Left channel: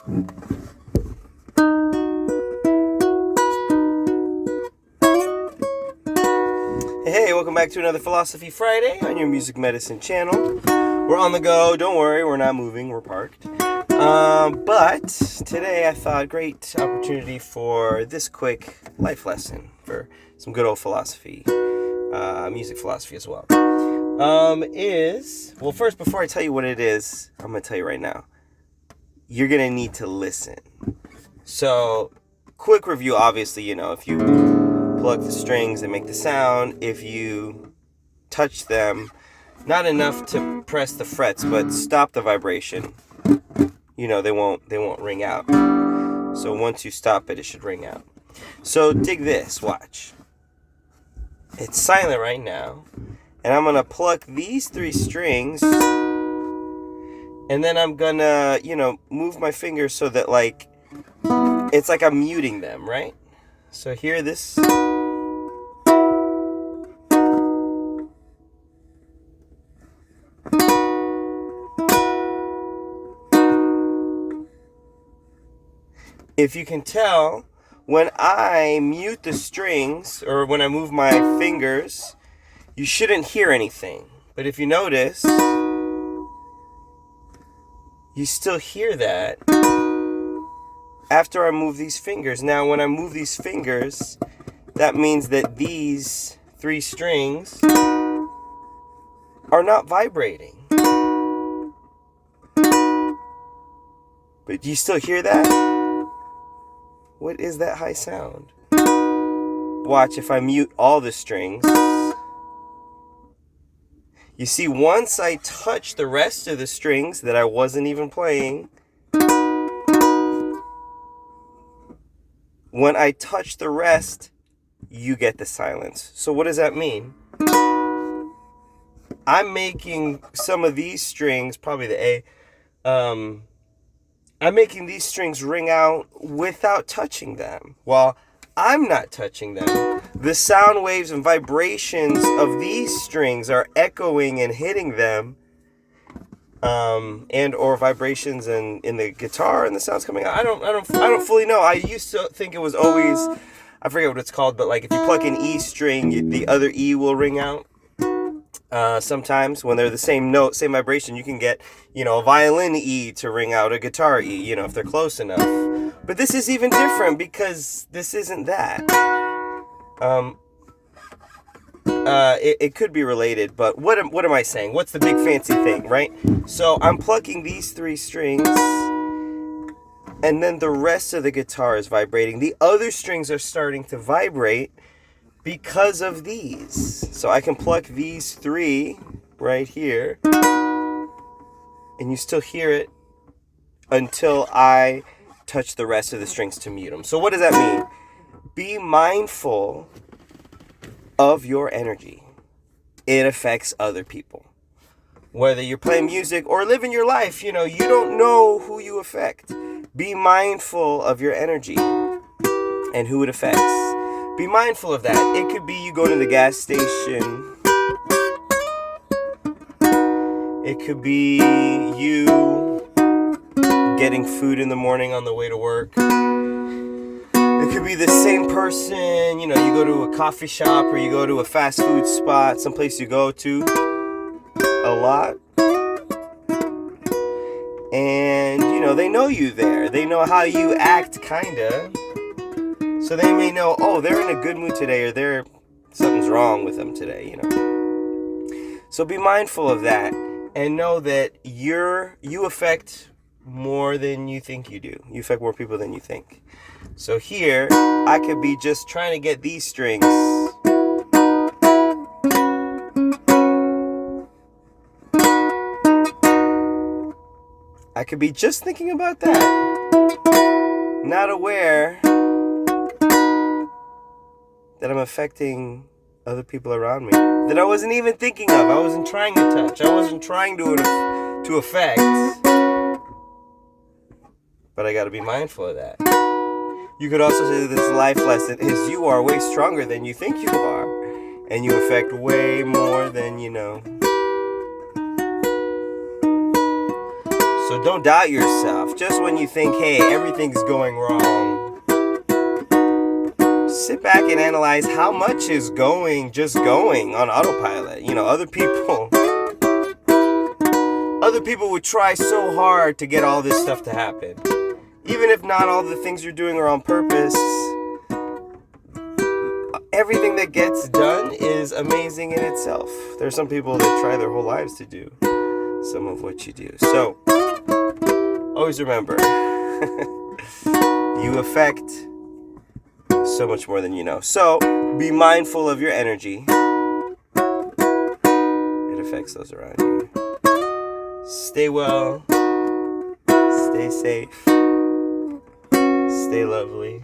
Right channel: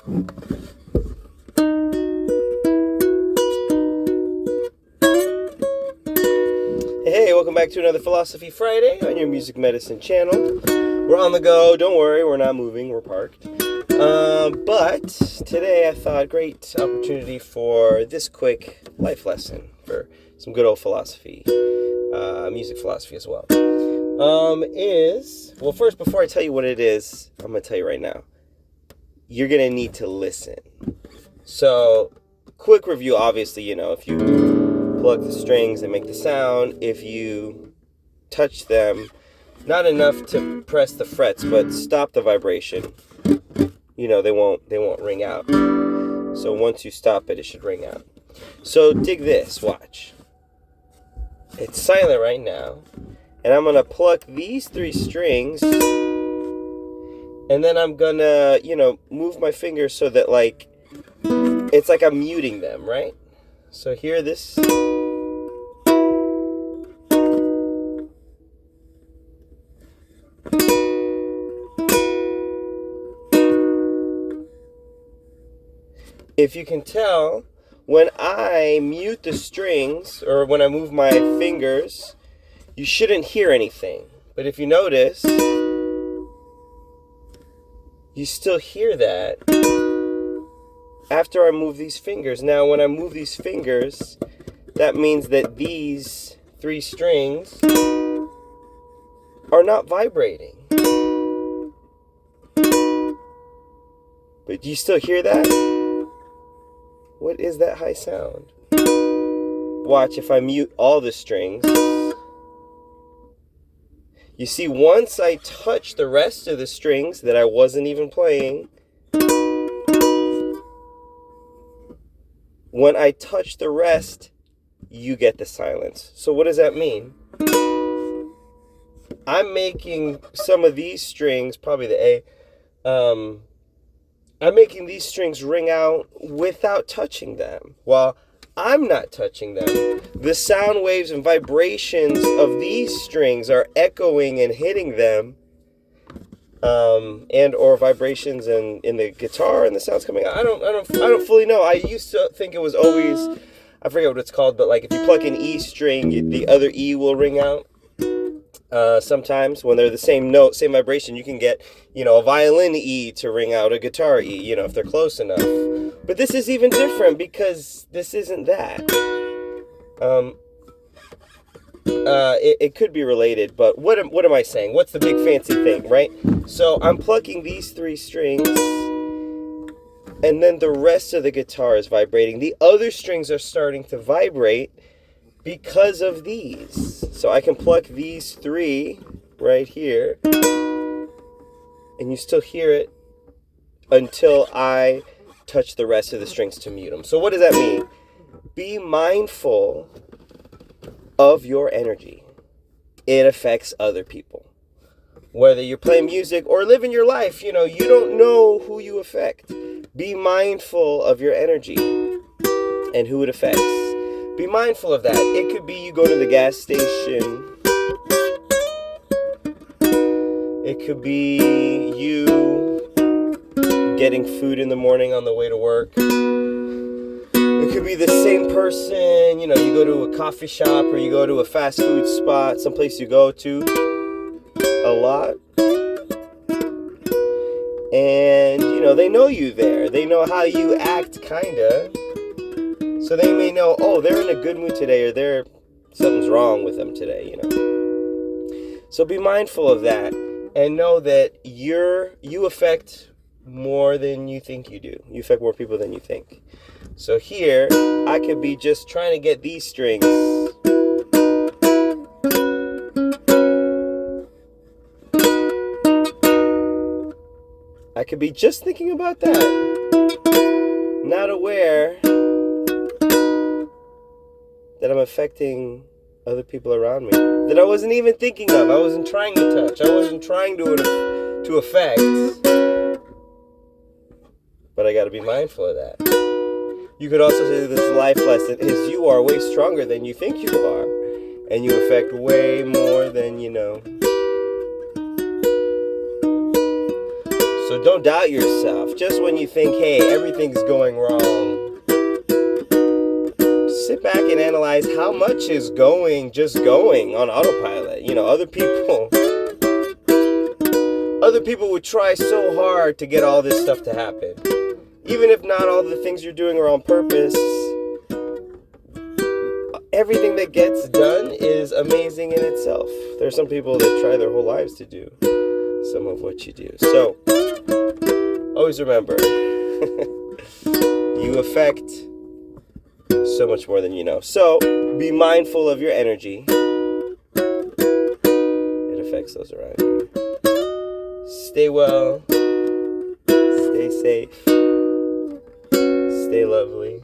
Hey, welcome back to another Philosophy Friday on your Music Medicine channel. We're on the go. Don't worry, we're not moving. We're parked. But today I thought great opportunity for this quick life lesson for some good old philosophy, music philosophy as well. Well, first, before I tell you what it is, I'm going to tell you right now. You're going to need to listen. So, quick review, obviously, if you plug the strings and make the sound, if you touch them, not enough to press the frets, but stop the vibration, they won't ring out. So once you stop it, it should ring out. So dig this, watch. It's silent right now, and I'm gonna pluck these 3 strings, and then I'm gonna, move my fingers so that it's like I'm muting them, right? So hear this. If you can tell, when I mute the strings, or when I move my fingers, you shouldn't hear anything. But if you notice, you still hear that after I move these fingers. Now, when I move these fingers, that means that these 3 strings are not vibrating. But do you still hear that? What is that high sound? Watch, if I mute all the strings. You see, once I touch the rest of the strings that I wasn't even playing, when I touch the rest, you get the silence. So what does that mean? I'm making some of these strings, probably the A, I'm making these strings ring out without touching them. While I'm not touching them, the sound waves and vibrations of these strings are echoing and hitting them, and or vibrations in the guitar and the sounds coming out. I don't fully know. I used to think it was always, I forget what it's called, but if you pluck an E string, the other E will ring out. Sometimes when they're the same note, same vibration, you can get, a violin E to ring out a guitar E, if they're close enough. But this is even different because this isn't that. It could be related, but what am I saying? What's the big fancy thing, right? So I'm plucking these 3 strings, and then the rest of the guitar is vibrating. The other strings are starting to vibrate because of these. So I can pluck these 3 right here, and you still hear it until I touch the rest of the strings to mute them. So what does that mean? Be mindful of your energy. It affects other people. Whether you're playing music or living your life, you don't know who you affect. Be mindful of your energy and who it affects. Be mindful of that. It could be you go to the gas station. It could be you getting food in the morning on the way to work. It could be the same person, you go to a coffee shop or you go to a fast food spot, someplace you go to a lot. And, they know you there. They know how you act, kinda. So they may know, they're in a good mood today, or something's wrong with them today, So be mindful of that, and know that you affect more than you think you do. You affect more people than you think. So here, I could be just trying to get these strings. I could be just thinking about that, not aware that I'm affecting other people around me that I wasn't even thinking of. I wasn't trying to touch. I wasn't trying to affect. But I got to be mindful of that. You could also say this life lesson is you are way stronger than you think you are, and you affect way more than you know. So don't doubt yourself. Just when you think, hey, everything's going wrong, sit back and analyze how much is just going on autopilot. You know, other people would try so hard to get all this stuff to happen. Even if not all the things you're doing are on purpose, everything that gets done is amazing in itself. There's some people that try their whole lives to do some of what you do. So, always remember, you affect so much more than you know. So, be mindful of your energy. It affects those around you. Stay well. Stay safe. Stay lovely.